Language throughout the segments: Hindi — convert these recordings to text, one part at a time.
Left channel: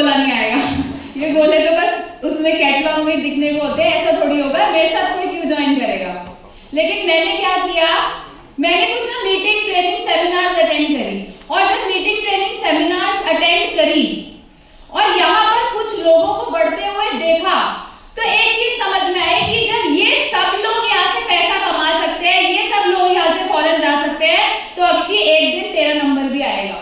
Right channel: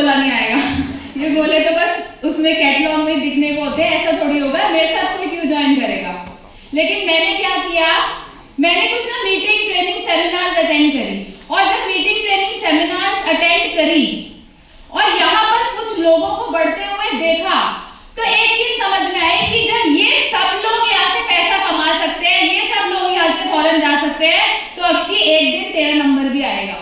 गोला नहीं आएगा। ये गोले तो बस उसमें कैटलॉग में दिखने को होते हैं, ऐसा थोड़ी होगा, मेरे साथ कोई क्यों ज्वाइन करेगा। लेकिन मैंने क्या किया, मैंने कुछ ना मीटिंग ट्रेनिंग सेमिनार्स अटेंड करी, और जब मीटिंग ट्रेनिंग सेमिनार्स अटेंड करी और यहाँ पर कुछ लोगों को बढ़ते हुए देखा, तो एक चीज समझ में आई कि जब ये सब लोग यहाँ से पैसा कमा सकते हैं, ये सब लोग यहाँ से फॉरेन जा सकते हैं, तो अक्षी एक दिन तेरा नंबर भी आएगा।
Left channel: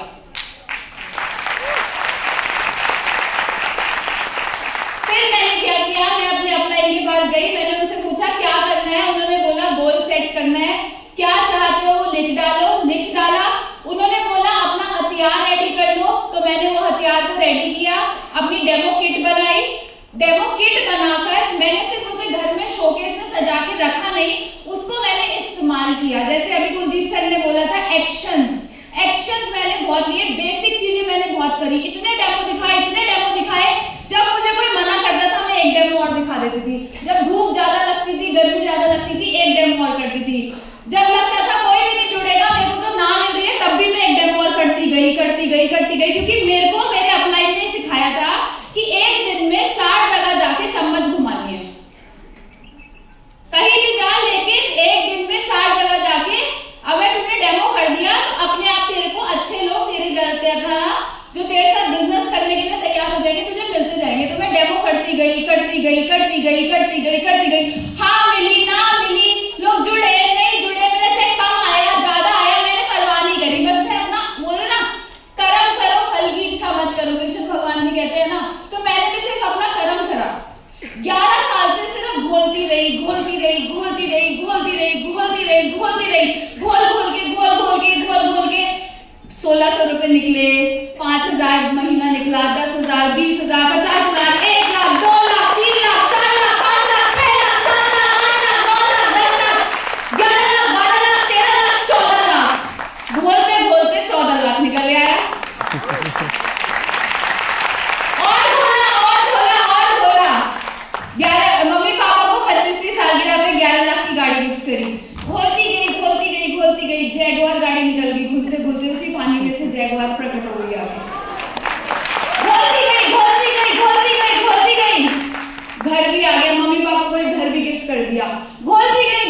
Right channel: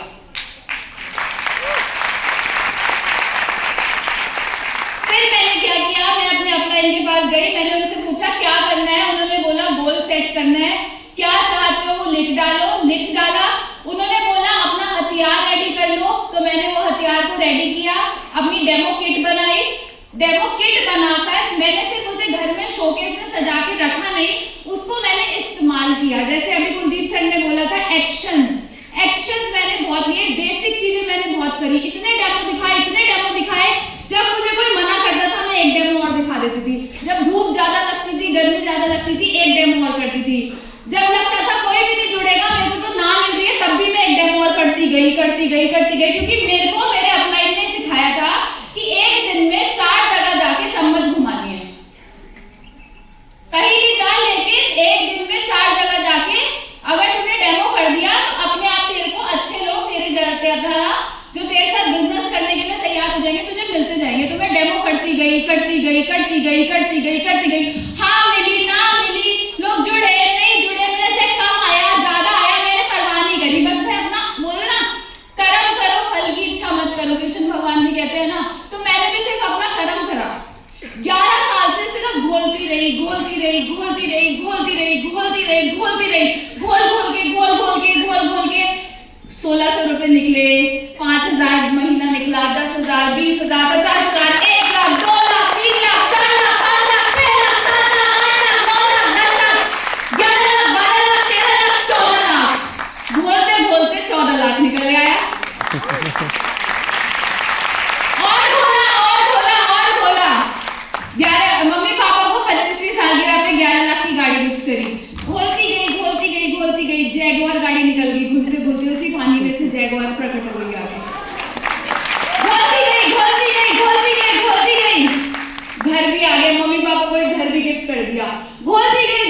फिर मैंने क्या किया, मैं अपने अपलाइन के पास गई, मैंने उनसे पूछा क्या करना है। उन्होंने बोला गोल सेट करना है, क्या चाहते हो वो लिख डालो। लिख डाला। उन्होंने बोला अपना हथियार रेडी कर लो, तो मैंने वो हथियार को रेडी किया, अपनी डेमो किट बनाई। डेमो किट बनाकर मैंने सिर्फ उसे घर में शोकेस में सजा के रखा नहीं, उसको मैंने इस्तेमाल किया। जैसे अभी कुलदीप सर ने बोला था एक्शंस मैंने बहुत लिए, बेसिक चीजें मैंने बहुत करी। इतने डेमो दिखाए, जब मुझे कोई मना करता था मैं एक डेमो और दिखा देती थी। जब धूप ज्यादा लगती थी, गर्मी ज्यादा लगती थी, एक डेमो और करती थी। जब लगता था कोई भी नहीं जुड़ेगा, मेरे को तो ना मिल रही है, तब भी मैं एक डेमो और करती गई, क्योंकि मेरे को मेरे अपलाइन ने सिखाया था कि एक दिन में 4 जगह जाके चम्मच घुमानी है। कहीं भी जा, लेकिन एक दिन में 4 जगह जाके अगर तुमने डेमो कर दिया, तो अपने आप तेरे को अच्छे लोग तेरी तरह जो तेरे साथ बिजनेस करने के लिए तैयार हो जाएंगे, तुझे मिलते जाएंगे। तो मैं डेमो करती गई। हाँ मिली, ना मिली, लोग जुड़े नहीं जुड़े, मेरा चेक कम आया ज्यादा आया, मैंने परवाह नहीं करी। बस मैं अपना बोले ना, कर्म करो फल की इच्छा मत करो, कृष्ण भगवान जी कहते हैं ना। तो मैंने भी सिर्फ अपना कर्म करा। 11 साल से सिर्फ घोलती रही, घोल घोल के 1600 रुपए निकले, 5000 महीना निकला, 10,000, 20,000, 50,000, 1 लाख, 2 लाख, 3 लाख, 4 लाख, 5 लाख, 6 लाख, 7 लाख, 8 लाख, 9 लाख, 10 लाख, 11 लाख, 12 लाख, 13 लाख, 14 लाख, बोलते 14 लाख निकल आया। और बोला 11 मम्मी पापा को 25 सालगिरह पे 11 लाख की गाड़ी गिफ्ट करी। घोलती गई, जैगवार गाड़ी निकल गई, घुलते उसी पानी में से जैगवार प्रकट हो गया। घोलती गई, घर भी आ गए, मम्मी पापा को एक घर भी गिफ्ट कर दिया। घोलती गई,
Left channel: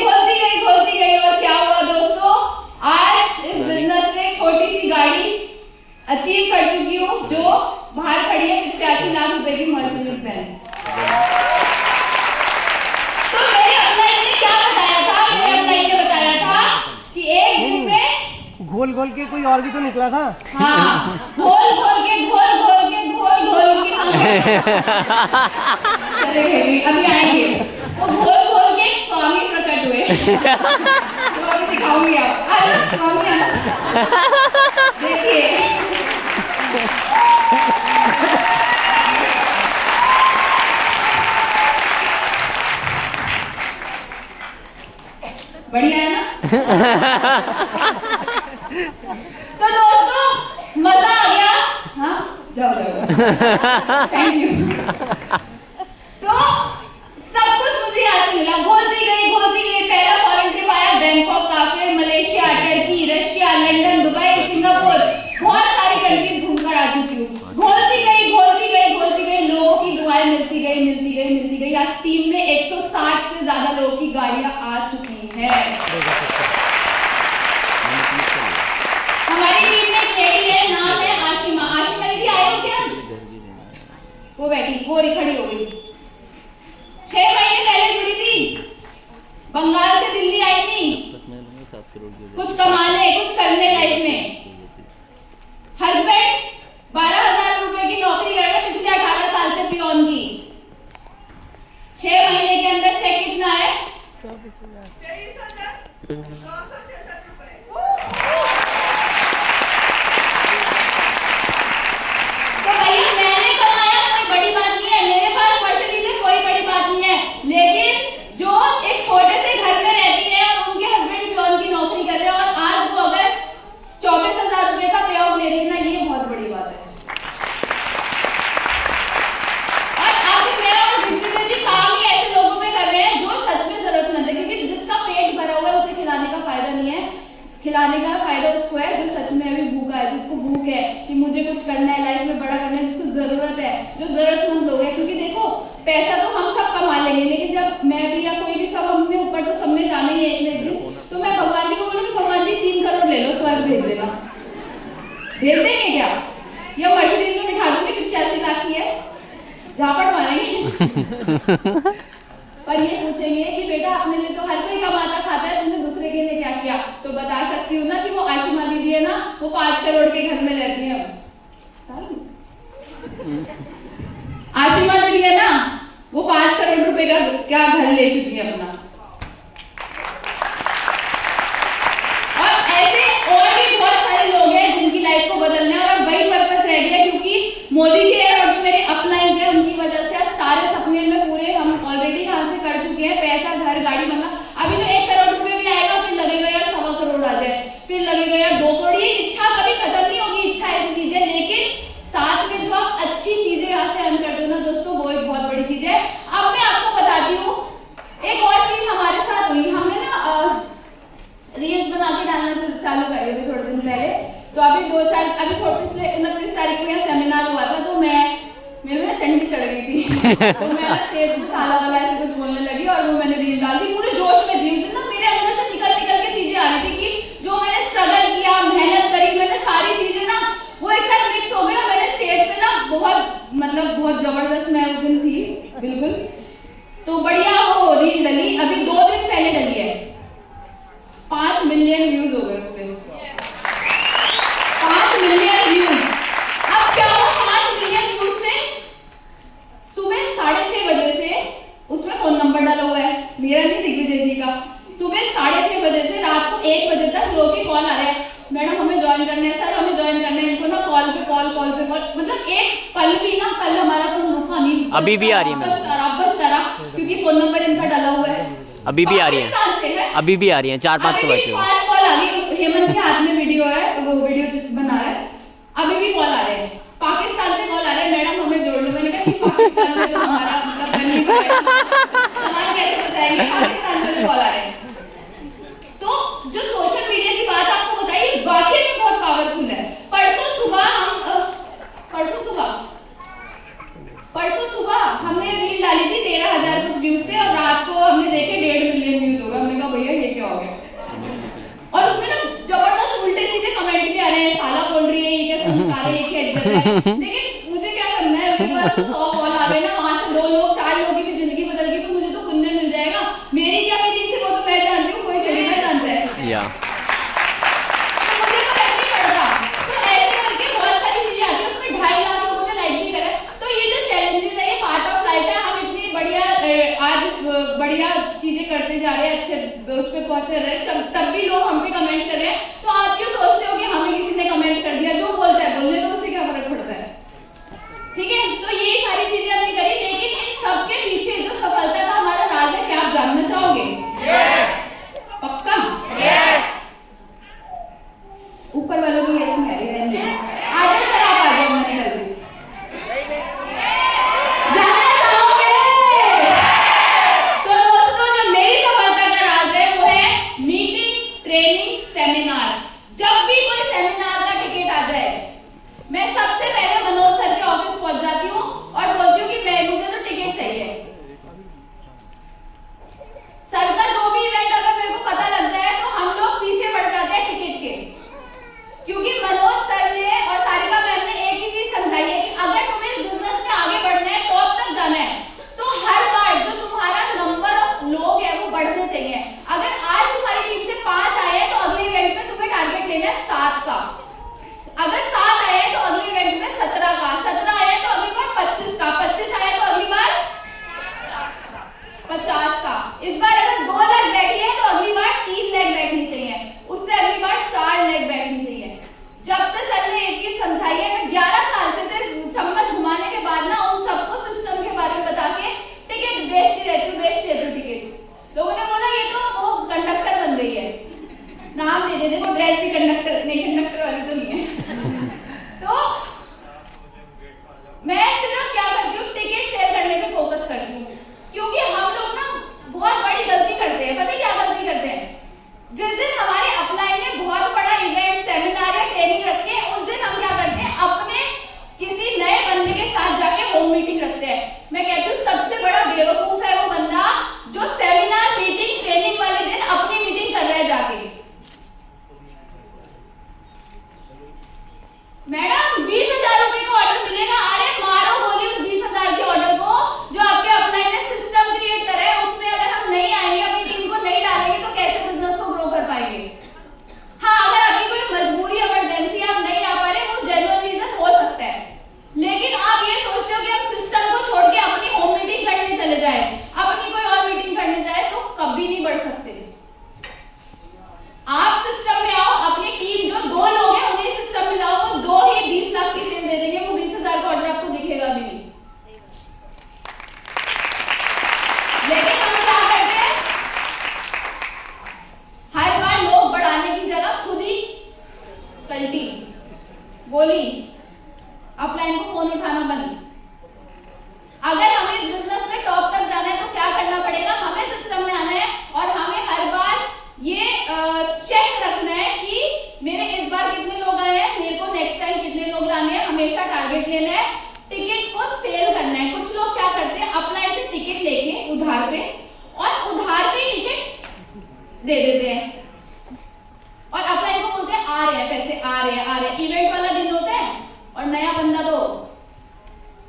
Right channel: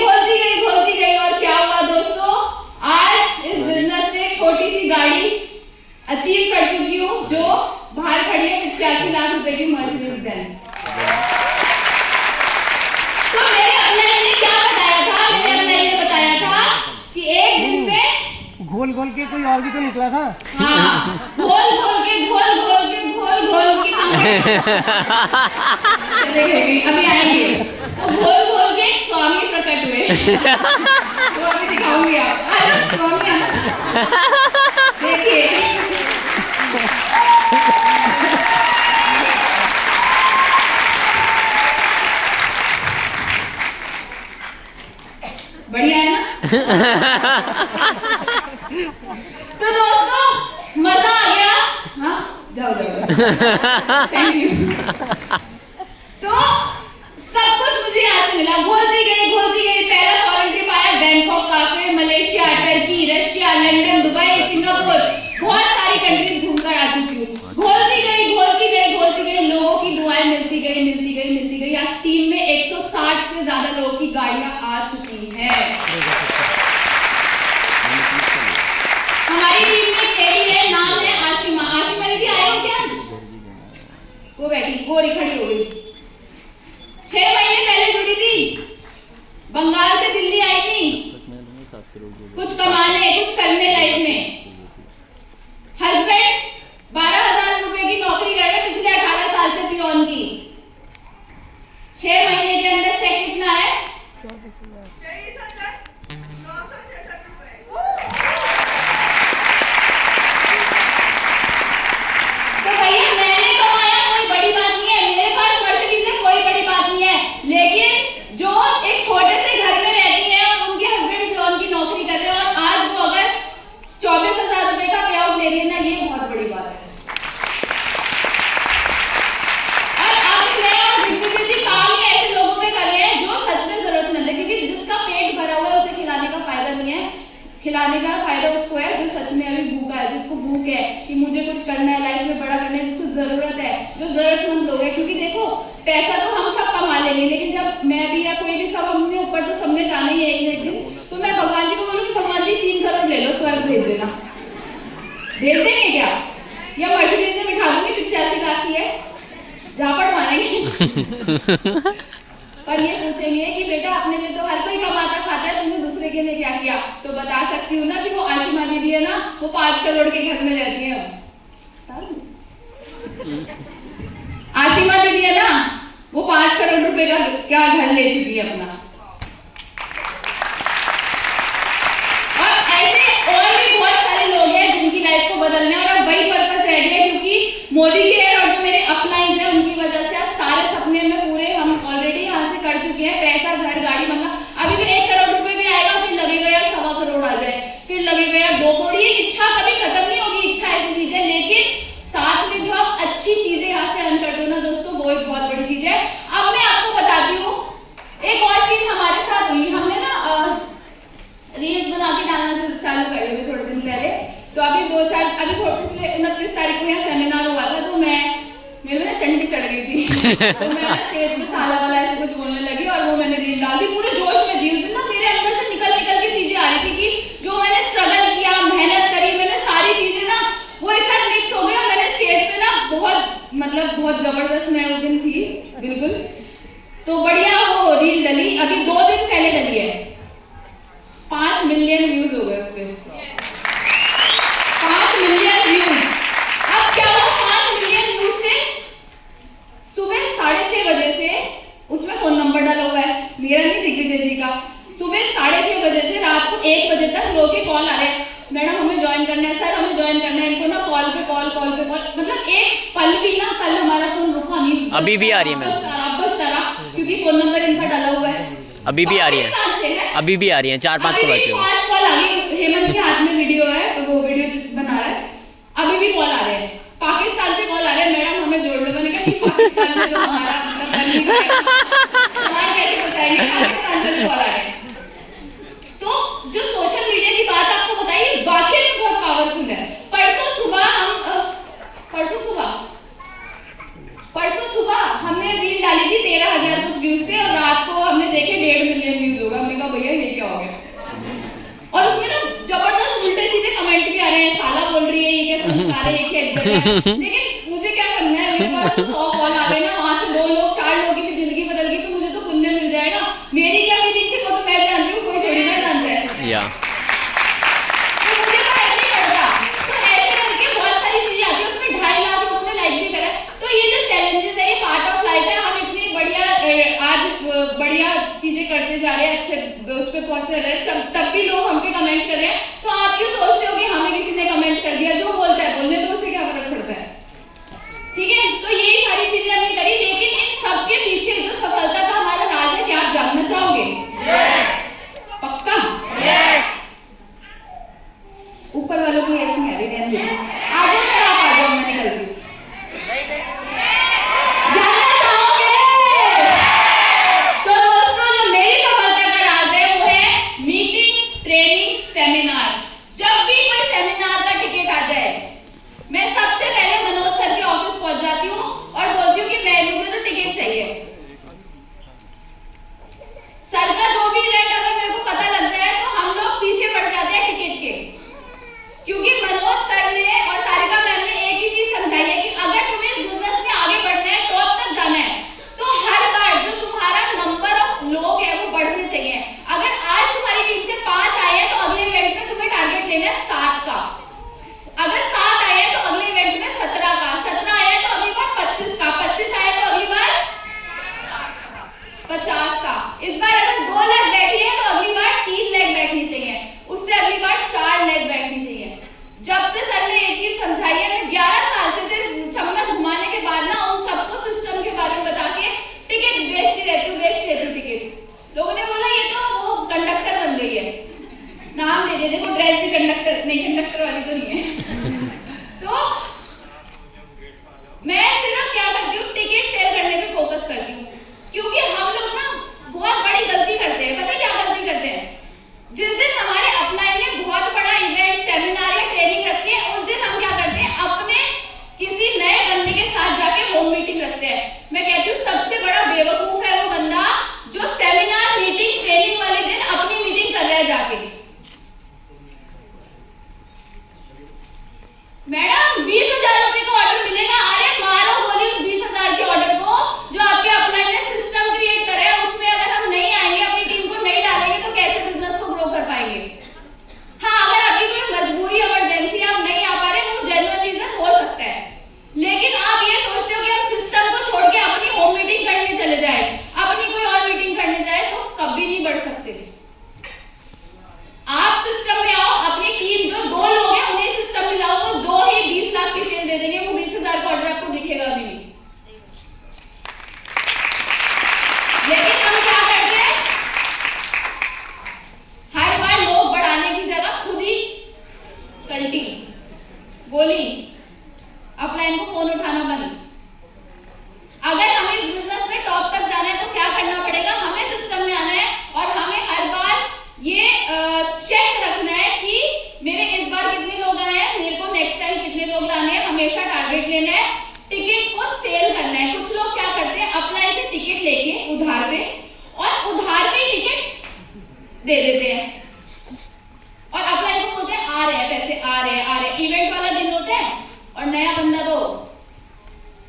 और क्या हुआ दोस्तों, आज इस बिजनेस से एक छोटी सी गाड़ी अचीव कर चुकी हूँ, जो बाहर खड़ी है 85 लाख रुपए की मर्सिडीज बेंज। तो मेरे अपलाइन ने क्या बताया था, कि एक दिन में घोल के कोई और भी तो निकला था। हाँ, घोल के चले गए, अभी आएंगे। तो घोल के स्वामी प्रकट हुए। वो अभी दिखाऊंगी आप। अरे स्वामी देखिए, बढ़िया है ना। तो दोस्तों मजा आ गया। हाँ जाओ थैंक यू। तो सब कुछ मुझे यहाँ से मिला। घोलती गई। पहला फॉरेन ट्रिप आया बैंकॉक का, फिर Malaysia, Turkey, Russia, London, Dubai, Singapore, बहुत सारी कंट्रीज घूमकर आ चुकी हूँ। घोलती गई। लोगों की दुआएं मिलती गई। आज टीम में 160 से ज्यादा लोगों की गाड़ियां आ चुकी हैं। हमारी टीम में एक लेडी है, नाम है आशिमा दीदी। आए हो क्या? वो बैठी, वो खड़ी हो गई। 6 महीने पहले जुड़ी थी, बंगाल से दिल्ली आई थी, कुछ कमाने कुछ करने लाइफ में। हस्बैंड 12,000 रुपए की नौकरी कर रहे, पिछले 18 साल से पियोन की। 6 महीने के अंदर चेक कितना है? 24,966 तो भैया मैंने कमाया, कोई बड़ी बात नहीं है। मेरे पास मर्सिडीज है, कोई बड़ी बात नहीं है। लेकिन जो एक छोटे से घर में रहती है और उनके हस्बैंड पियोन की नौकरी कर रहे हैं, और आज वो अगर 24,000 रुपए का पे आउट ले रही है ना, ये बहुत बड़ी बात है। खिलाने का फायदा उसको है जो सच में अभी भूखा है, जिसको भूख है कि मुझे कुछ करना है लाइफ में, बड़ा करना है, जिसको जरूरत है जो जरूरतमंद लोग हैं, क्योंकि देखो पैसा तो हम सब कमा लेंगे, लेकिन जब मैं भी या कोई भी सब अपने ऊपर तो सबने जाना ही है एक न एक दिन। तो मैं भगवान जी को बोलूँगी भगवान जी 3 करोड़ ले लो, स्वर्ग भेज देना। भेज देंगे क्या? या मर्सिडीज में बिठा दूंगी 85 लाख की है, झापड़ मारेंगे। पर ये पूछेंगे कि बेटा अपने लिए तो हर कोई कमाता खाता है, तुमने दूसरे के लिए क्या किया? तो बता सकती हूँ ना कि वो आशिमा दीदी है ना, वो 5 करोड़ के घर में रहती है। आशिमा दीदी है ना, वो 5 करोड़ रुपए का क्या घर ले चुकी है अपना। और ऐसे और भी बहुत सारे लोग हैं जिनकी लाइफ को बदलना है, और अब वही पर्पस रह गया, क्योंकि मोदी जी है और जो मेरे अपलाइंस है उनकी वजह से अब सारे सपने में पूरे हम ऑलरेडी यहाँ से कर चुके हैं। पैसा, घर, गाड़ी बनना, अभी तो 1 करोड़ रुपए भी आएगा, फिर लगेगा यार 1.25 करोड़ आ जाए, फिर लगेगा यार 2 करोड़। ये इच्छा कभी खत्म नहीं होगी। इच्छा ऐसी चीज है, लेकिन साथ में जो आप अच्छी चीजें यहाँ से अर्न करते हो ना दोस्तों, वो एक बहुत बड़ी चीज है। अब मैं आपको बताती हूँ एक और चीज हमारे साथ हुई। हमने ना रील्स बना के डालना चालू करी थे थोड़े दिन पहले। तो अभी पिछले 29 तारीख को यहाँ सेमिनार हुआ था, तो मेरे ना चंडी चढ़ गई थी। तो मैं स्टेज पे साला वाला ऐसे कुछ बोलने लगी और वो मैंने रील डाल दी। पूरे जोश में थी उस दिन ना, मेरे अंदर से निकल के चीजें आ रही थी कि जो मैंने स्ट्रगल किया, मेहनत करी, मैंने सारी चीजें ना वो एक साथ मिक्स हो गई और मैंने स्टेज पे ना बहुत जबरदस्त मैं उस दिन थी बिल्कुल। तो बढ़िया वो रील डली, अभी 2 दिन पहले डली है, 5 मिलियन व्यूज हो गए उसके। 5 मिलियन व्यूज। अब क्या हुआ 5 मिलियन व्यूज से? सुबह 6:30 बजे से उसमें फोन नंबर डाला हुआ है, मेरा नहीं, दिग्विजय जी का। सुबह 6:30 बजे से रात को 1 बजे तक लोगों के कॉल आ रहे हैं, मैडम हमें ज्वाइन करना है, सर हमें ज्वाइन करना है। इनको ना कॉल पे कॉल, मतलब एक पल भी ना, कल हमारा फोन रुका नहीं, अभी भी आ रही है मैम, बजता रहा, क्योंकि फोन नंबर इनका डाला हुआ है। अभी भी आ रही है, अभी भी आ रही है, 4-5 के बच्चे। 5 कॉल आ गई, हेमंत के हाथ में वीडियो है, वो वीडियो बना रहा है, अभी भी कॉल आ रहे हैं। पाकिस्तान से कॉल आ रहे हैं, मैडम हमें जोड़ लो। मैंने कहा पाकिस्तान में तो हमारा हमारे कैसे पहुंचाएंगे, पाकिस्तान से कॉल आ रहे हैं। तो जो सोशल मीडिया की बात आपको बताइए, वाकई में बहुत पावरफुल है। परसों सुबह हमने रील डाली थी 13,000 कुछ व्यूज थे, और रात को हमने देखे 1.5 मिलियन व्यूज हो गए। हमने कहा भैया ये क्या हो गया? और उसमें ना जबरदस्त उल्टे सीधे कमेंट भी आ रहे हैं, साला बोल रही है, ये क्या संस्कार है, ये क्या इज्जत है। लेकिन मुझे क्या करना है, मेरे पास 100 कॉल आ गए ना, वहां से 2 लोग 4 लोगों की भी जिंदगी बदल गई, तो मुझे तो पुण्य मिल जाएगा। मेरी क्या फीलिंग थी वो तो मैं जानती हूँ, कोई थोड़ी ना जानता है। या बढ़िया चीजें करते जा रहे हैं, अच्छे उस पे पहुंचते रहे, तब भी लोग हम पे कमेंट कर रहे हैं। तो आप क्यों सोचते हो कि हमें किसी ने कमेंट कर दिया? जो बोलता है बोलने दो, उससे क्या फर्क पड़ता है? ठीक है, तो ये सारी चीजें हमने करी, लेकिन इन सबके पीछे जो सफलता का हमारा राज है, क्या आप जानना चाहोगे? पक्का? ऊपर वालों की ऐसी है, आ जाओ सर, आप आ जाओ, मैं निकलती हूँ। सेमिनार, जब भी कोई सेमिनार का टिकट आ जाए, मैं सबसे पहले मनोज सर के ऑफिस पहुंच जाती हूँ और बोलती हूँ कि मुझे तो टिकट चाहिए। सर का जो भी इवेंट अगर मेरे को पता लग जाए तो हम लोग पीछे पड़ जाते हैं टिकट के, क्योंकि मनोज सर ने और सारिका मैम ने एक ही चीज समझाई है कि अगर तुम्हें इस बिजनेस में आगे बढ़ना है, टॉप तक जाना है, तो हर बार जो तुम्हारा नंबर ऑफ लोग है वो बढ़ने चाहिए। अगर आज तुम्हारी टीम से 5 आए हैं तो अगले इवेंट में तुम्हें टारगेट लेना है 7 का। अगर 7 आए हैं तो अगले इवेंट में 17 का, 17 आए हैं तो अगली बार 25 का, 25 आए तो अगली बार 50 का। इस बार अगर 2 लाख बैठी है तो अगली बार 3 लाख बैठनी चाहिए, उससे अगली बार 4 लाख बैठनी चाहिए। जब से सर ने ये चीज समझाई है, मैं 11 साल से चम्मच घुमाने के बाद ना उन सबको सिस्टम के बारे में बता के टिकट बेचती रहती हूँ टिकट। लोगों ने बोला ये तो वो कंडक्टर बन गई है, नाम दे देखो, ड्रेस भी कंडक्टर नहीं, कंडक्टर वाली तो नहीं है। तो मैं सिर्फ क्या करती हूँ, टिकट सेल करने पे फोकस करती हूँ, क्योंकि हम लोग ना बहुत बड़ी गलती करते हैं। पता है क्या गलती करते हैं? जिस दिन हमारे अपलाइन ने बहुत बड़ा इवेंट, सेमिनार या ट्रेनिंग रखी है, उस दिन हम क्या करते हैं, अपने किसी नए बंदे के साथ जाके होम मैडम 20,000 रुपए का ऑर्डर मिलेगा, अरे मारो गोली उस 20,000 के ऑर्डर को जो आपके अपलाइन ने सिस्टम क्रिएट करा है। उसमें अगर हम नहीं आएंगे, अपनी टीम को नहीं डालेंगे तो कैसे बिजनेस को ग्रो कर पाएंगे? हाँ, अगर आपकी कोई मजबूरी इमरजेंसी आप नहीं आ पा रहे, वो जेन्युइन रीजन हो सकता है, लेकिन आप ये सोचते हो कि हम सिस्टम को छोड़ के अपनी होम मीटिंग करने चले जाए, अपनी कोई और मीटिंग करने जाए, तो कभी नहीं बढ़ सकते। आप सिस्टम में आओ, अपनी टीम जो 2 लोग हैं उन्हें सिस्टम में लाओ, वो 2 ही 20 लाख की सेल दे देंगे, वो 20,000 का ऑर्डर आपको दिखेगा भी नहीं। लेकिन हम क्या करते हैं, हर बार लोग बढ़ाने की जगह खुद ही कल्टी गोली, अपलाइन को फोन उठाना बंद। अगर हमें इस बिजनेस में टॉप तक जाना है तो क्या करना पड़ेगा, हमें सिस्टम में आना है और हमें हर बार ये चेक रखना है कि मेरे इस बार कितने लोग आए हैं, मेरे को नेक्स्ट टाइम कितने लोग लाने हैं, हमेशा टारगेट लेना है, टिकट को सेल करना है। कुछ लोग क्या करते हैं, अपलाइन से टिकट लेके उधार पे और उधार पे टिकट दे देते हैं और अपलाइन को बोलते हैं आ रहे हैं पैसे, आ रहे हैं। इवेंट वाला दिन होता है और नया बंदा तो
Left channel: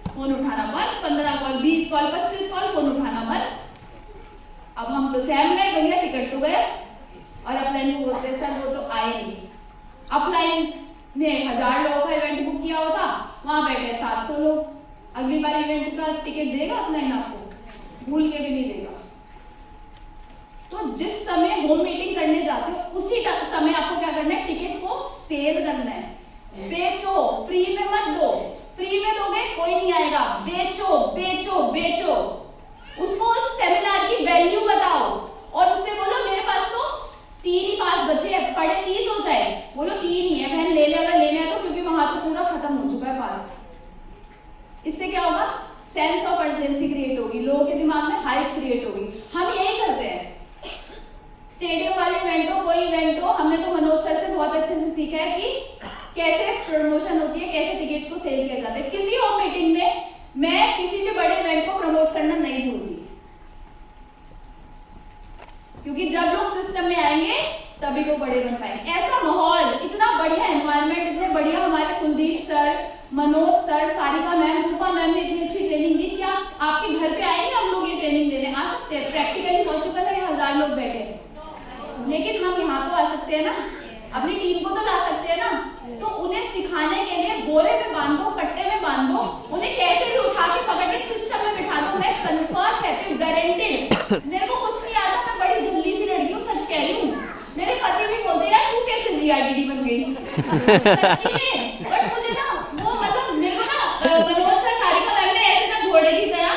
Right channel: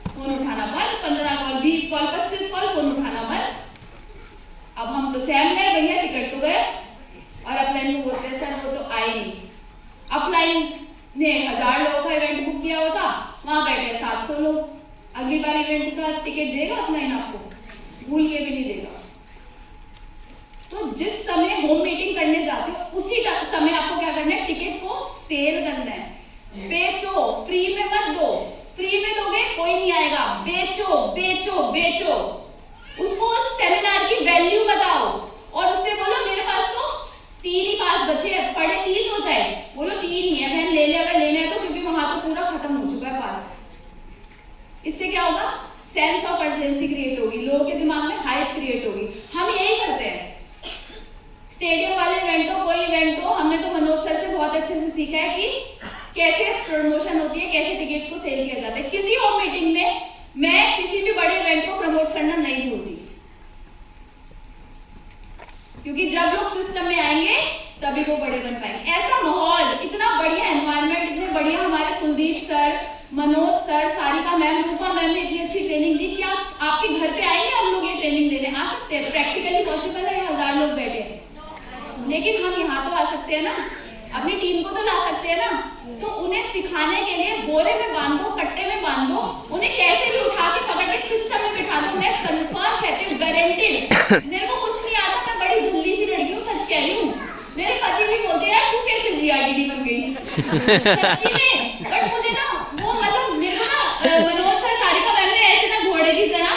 फोन उठाना बंद, 15 कॉल, 20 कॉल, 25 कॉल, फोन उठाना बंद। अब हम तो सहम गए, भैया टिकट तो गए, और अपलाइन को बोलते हैं सर वो तो आए नहीं। अपलाइन ने 1000 लोगों का इवेंट बुक किया होता, वहां बैठे 700 लोग, अगली बार इवेंट का टिकट देगा अपलाइन आपको? भूल के भी नहीं देगा। तो जिस समय होम मीटिंग करने जाते हो उसी समय आपको क्या करना है, टिकट को सेल करना है। बेचो, फ्री में मत दो, फ्री में दोगे कोई नहीं आएगा, बेचो बेचो बेचो। उसको उस सेमिनार की वैल्यू बताओ और उससे बोलो मेरे पास तो 3 ही पास बचे हैं, पढ़े 30 हो जाए, बोलो 3 ही है, बहन ले ले अगर लेना है तो, क्योंकि वहां तो पूरा खत्म हो चुका है पास। इससे क्या होगा, सेंस ऑफ अर्जेंसी क्रिएट होगी, लोगों के दिमाग में हाइप क्रिएट होगी। हम यही करते हैं, स्टेडियम वाले इवेंट हो, कोई इवेंट हो, हमने तो मनोज सर से बहुत अच्छे से सीखा है कि कैसे प्रमोशन होती है, कैसे टिकट्स को सेल किया जाता है। किसी और मीटिंग में मैं किसी भी बड़े इवेंट को प्रमोट करना नहीं भूलती, क्योंकि जब लोग सिस्टम में आएंगे तभी वो बड़े बन पाएंगे। ऐसा माहौल, इतना बढ़िया एनवायरनमेंट, इतने बढ़िया हमारे Kuldeep sir, Manoj sir, Sarika ma'am, Rupa ma'am ने इतनी अच्छी ट्रेनिंग दी कि आपके घर पे आएंगे हम लोग ये ट्रेनिंग देने, आ सकते हैं, प्रैक्टिकली पॉसिबल है, 1000 लोग बैठे हैं, लेकिन हम यहाँ तो आ सकते हैं ना, अपनी टीम को तो ला सकते हैं ना। तो उन्हें सिखाने के लिए बोरे में बांधो, कट्टे में बांधो, उन्हें कैसे भी उठा के पकड़ के सिस्टम में बिठा दो। मैं कंफर्म कहती हूँ, गारंटेड, मेरे को कुछ नहीं आता, मैं बड़ी झुल्ली सी लड़की हूँ, सच कह रही हूँ। मेरे पति भी बोलते हैं यार तू कैसे जीआरडीडी बन गई, सच्ची में। बट मुझे ना वो मतलब मेरे को ना मनोज सर, सारिका मैम ने ऐसे ना घोड़े की तरह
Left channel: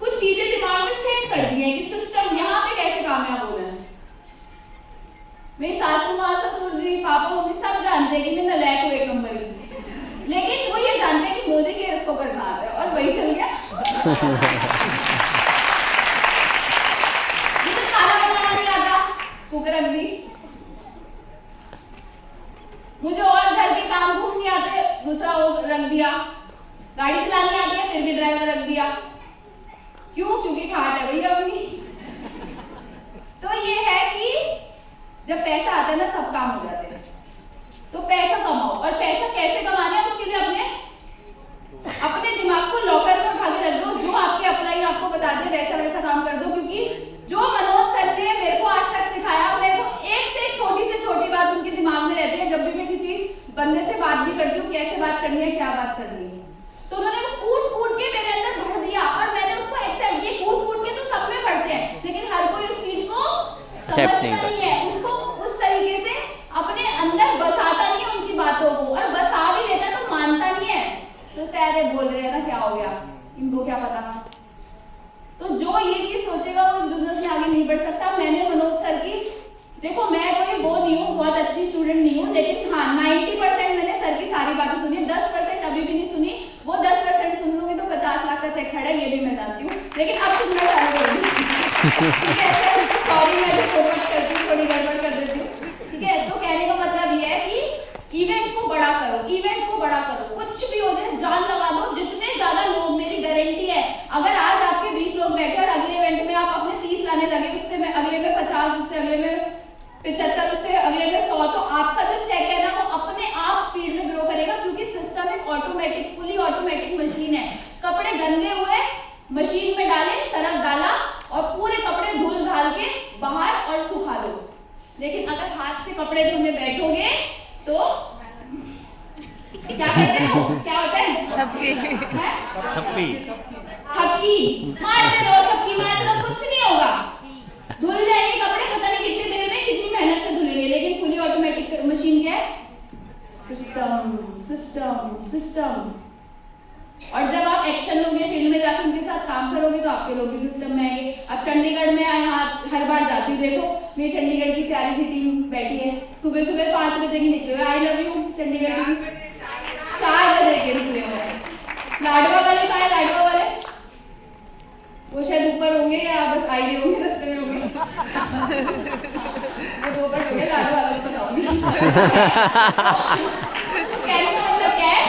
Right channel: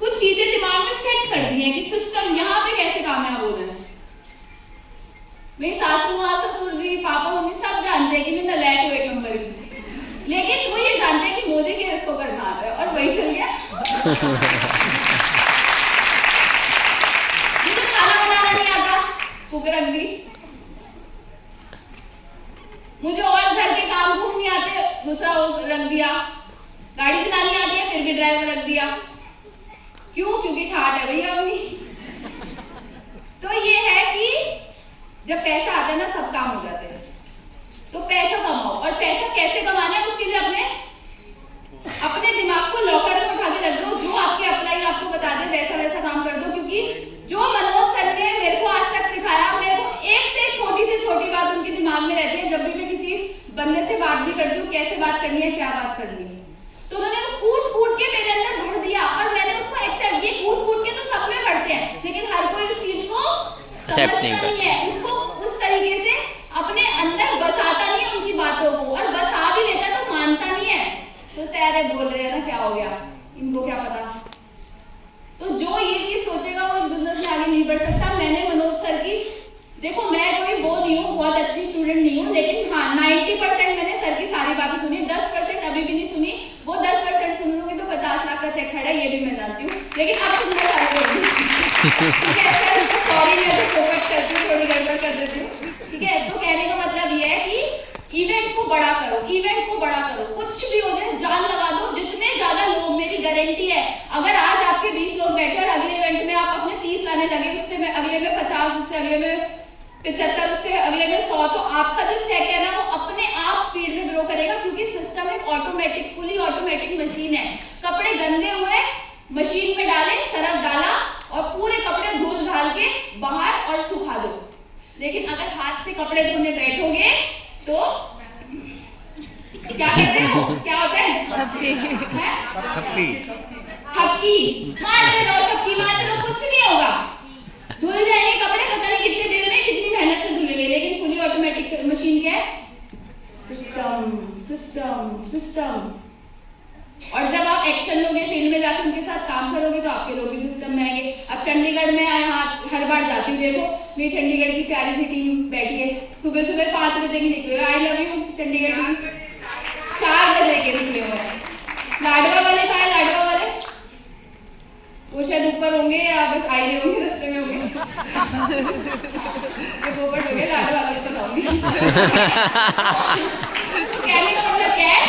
कुछ चीजें दिमाग में सेट कर दी है कि सिस्टम यहाँ पे कैसे कामयाब हो रहा है। मेरी सासू माँ, ससुर जी, पापा मम्मी सब जानते हैं कि मैं नलायक हूँ 1 नंबर की, लेकिन वो ये जानते हैं कि मोदी के इसको करना आता है, और वही चल गया। मुझे खाना बनाना नहीं आता, कुक रख दी। मुझे और घर के काम खूब नहीं आते, दूसरा वो रख दिया। गाड़ी चलानी आती है, फिर भी ड्राइवर रख दिया। क्यों? क्योंकि ठाट है भैया अपनी। तो ये है कि जब पैसा आता है ना, सब काम हो जाते हैं। तो पैसा कमाओ, और पैसा कैसे कमाना है उसके लिए अपने दिमाग को लॉकर में उठा के रख दो, जो आपके अपलाइन आपको बता दे वैसा वैसा काम कर दो। क्योंकि जो मनोज सर ने मेरे को आज तक सिखाया, मेरे को एक से छोटी बात उनके दिमाग में रहती है। जब भी मैं किसी बंदे से बात भी करती हूँ, कैसे बात करनी है, क्या बात करनी है, तो उन्होंने वो कूट के मेरे अंदर भर दिया, और मैंने उसको एक्सेप्ट किया। कूट के तो सब में भरते हैं, लेकिन हर कोई उस चीज को समझता नहीं है, उसको उस तरीके से अपने अंदर बसाता नहीं है उनकी बातों को, और बसा भी लेता तो मानता नहीं है। तो अरे बोल रहे हैं ना, क्या हो गया, इनको क्या पता। तो जो ये चीज सोचेगा वो इस बिजनेस में आगे नहीं बढ़ सकता। मैंने मनोज सर की, देखो मैं कोई वो नहीं हूँ, बहुत अच्छी स्टूडेंट नहीं हूँ, लेकिन हाँ 90% मैंने सर की सारी बातें सुनी, 10% अभी भी नहीं सुनी। वो 10% सुन लूंगी तो 50 लाख का चेक खड़ा है, ये भी मैं जानती हूँ, लेकिन अब सुनना चालू कर दूँ। सॉरी, मैं तो फोकस करती हूँ, थोड़ी गड़बड़ कर देती हूँ, ठीक है। तो कहने का मतलब ये है कि इवेंट को बड़ा करो, इवेंट को बड़ा करो, कुछ भी हो जाए जान लगा दो। जितने ज्यादा लोग, मेरी गारंटी है, अगर आज आपके 20 लोग बैठे और अगले इवेंट में आप अपने 30 लाने लगे, उससे में अगले में 50, उससे अगले में 75, उससे अगले में 100, तो आपका जो चेक है ना वो अपने आप स्पीड में ग्रो करेगा, क्योंकि क्या करते हो, क्या होता है? थपकी थपकी मारते रहो, कुछ नहीं होगा। धुल जाएंगे कपड़े, पता नहीं कितनी देर में, कितनी मेहनत से धुलेंगे, लेकिन फुली ऑटोमेटिक मशीन क्या है? System system system. और जब आप एक्शन लोगे, फील्ड में जाकर उनके साथ काम करोगे, तो आपके लोग भी सिस्टम में आएंगे। अब चंडीगढ़ में यहाँ हर बार जाती हूँ, देखो मेरी चंडीगढ़ की प्यारी सी टीम बैठी है, सुबह सुबह 5 बजे की निकले हुए। आई लव यू चंडीगढ़ की, 4 बजे के निकले हुए। लाडवा वाले कहाँ है? लाडवा वाले वो शायद ऊपर होंगे या बस आई रही होंगे, रास्ते में होंगे। वो पोपट हो गया, लाडवा वाले को बताऊंगी। कहने का मतलब क्या है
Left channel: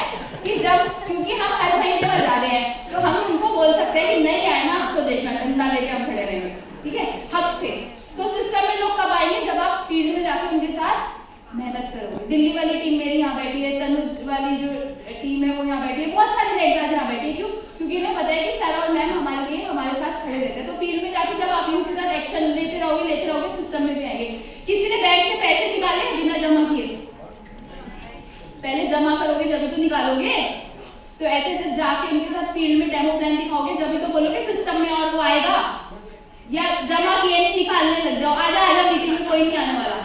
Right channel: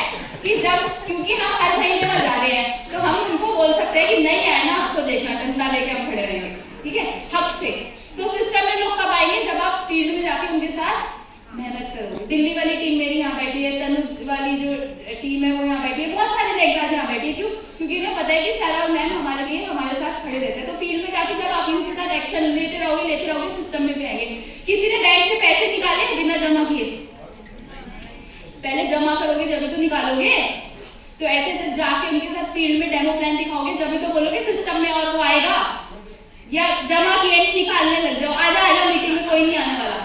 कि जब, क्योंकि हम हर महीने में जा रहे हैं, तो हम उनको बोल सकते हैं कि नहीं आया ना, आपको देखना, डंडा लेके हम खड़े रहेंगे, ठीक है, हक से। तो सिस्टम में लोग कब आएंगे? जब आप फील्ड में जाके उनके साथ मेहनत करोगे। दिल्ली वाली टीम मेरी यहाँ बैठी है, तनुज वाली जो टीम है वो यहाँ बैठी है, बहुत सारे नेकराज यहाँ बैठी है। क्यों? क्योंकि इन्हें पता है कि सारा मैम हमारे लिए हमारे साथ खड़े रहते हैं। तो फील्ड में जाके जब आप इनके साथ एक्शन लेते रहोगे, सिस्टम में भी आएंगे। किसी ने बैंक से पैसे निकाले बिना जमा किए, पहले जमा करोगे जब तो निकालोगे। तो ऐसे जब जाके उनके साथ फील्ड में डेमो प्लान दिखाओगे, जब तो बोलोगे सिस्टम में, और वो आएगा। या जमा किए नहीं, निकालने लग जाओ, आजा मीटिंग में कोई नहीं आने वाला।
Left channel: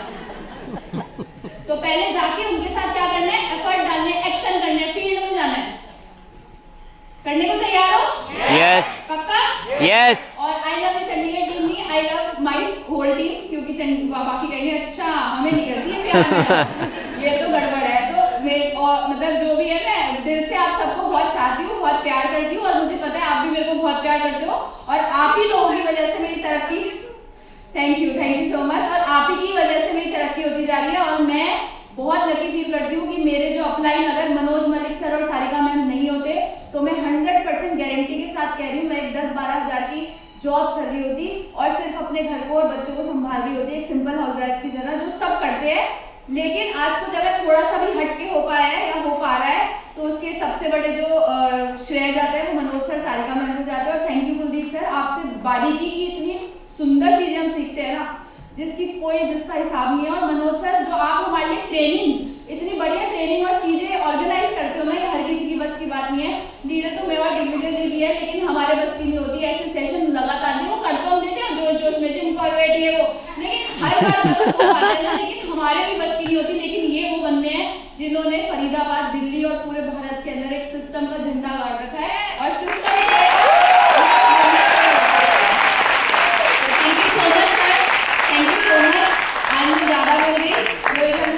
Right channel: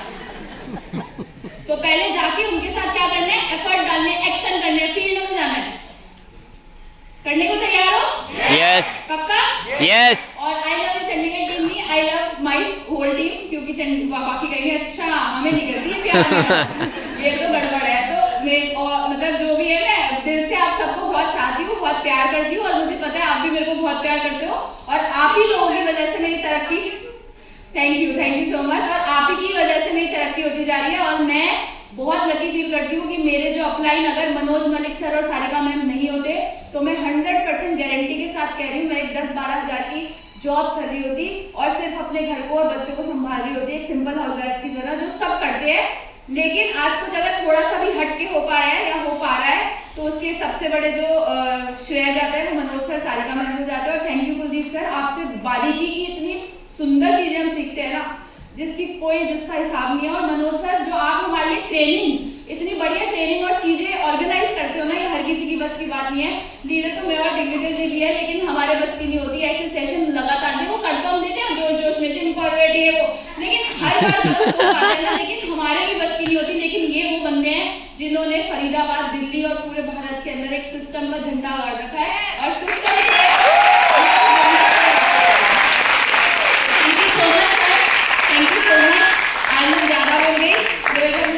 तो पहले जाके उनके साथ क्या करना है? एफर्ट डालने, एक्शन करने, फील्ड में जाना है। करने को तैयार हो? यस पक्का? यस। और आई लव चंडीगढ़ टीम ही, I love my whole team, क्योंकि बाकी कहेंगे अच्छा हमें नहीं करती है प्यार, ये तो गड़बड़ है। तो मैं और मतलब जो भी है, मैं दिल से आप सबको बहुत चाहती हूँ, बहुत प्यार करती हूँ, और मुझे पता है आप भी मेरे को बहुत प्यार करते हो, और आप ही लोगों की वजह से मेरी तरक्की, थैंक यू सो मच, और आप ही की वजह से मेरी तरक्की होती जा रही है। और मैं बहुत लकी फील करती हूँ कि मेरे जो अपलाइन अगर मनोज मलिक सर और सारिका मैम नहीं होते, तो मैं 100% गारंटी के साथ कह रही हूँ, मैं एक 10-12 हज़ार की जॉब कर रही होती, और सिर्फ अपने घर को और बच्चों को संभाल रही होती, एक सिंपल हाउसवाइफ की तरह, जो सब करते हैं। लेकिन आज कुछ अगर थोड़ा सा भी हट के हो पाया है या हो पा रहा है, तो उसके सबसे बड़े जो श्रेय जाता है वो मनोज सर, सारिका मैम को जाता है। और थैंक यू कुलदीप सर, आपसे बारीकी की इतनी सुंदर चीजें हम सीखते हैं ना, जिसका हिसाब नहीं है। और मनोज सर, जो आप हमारे लिए ट्रेनिंग, इतनी बढ़िया ट्रेनिंग और चीजें ऑर्गेनाइज करते हो ना, ये हर किसी की बस की बात नहीं है। लीडर तो मैं और दिग्विजय जी भी है, लेकिन हमारे बस की नहीं होती। ऐसे सेशन लगातार नहीं, वो करते हम देते हैं जोश में, जिम कॉर्पोरेट है वो, लेकिन हर बार लेकिन हमारे भी बस की नहीं होती। लेकिन ये वो बंदे हैं जिन्होंने फरीदाबाद, दिल्ली और पूरे भारत के अंदर एक सिस्टम का झंडा गाड़ रखा है, और सिस्टम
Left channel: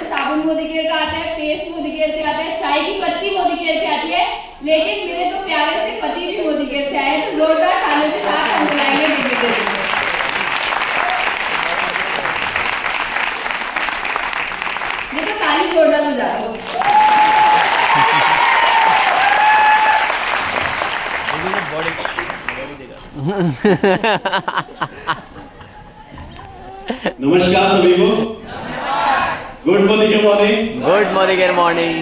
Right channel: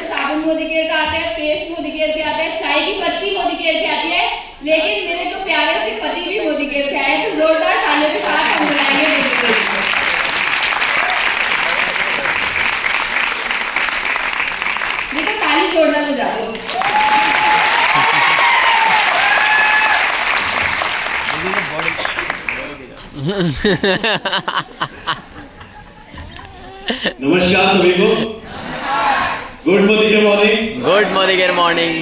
साबुन मोदी केयर का आता है, पेस्ट मोदी केयर पे आता है, चाय की पत्ती मोदी केयर पे आती है, लेकिन मेरे तो प्यारे से पति भी मोदी केयर से आए। तो जोरदार तालियों के साथ हम बुलाएंगे देखते हैं। ये तो ताली जोरदार हो जाते हो। नमस्कार सभी को, गुड मॉर्निंग। Good morning.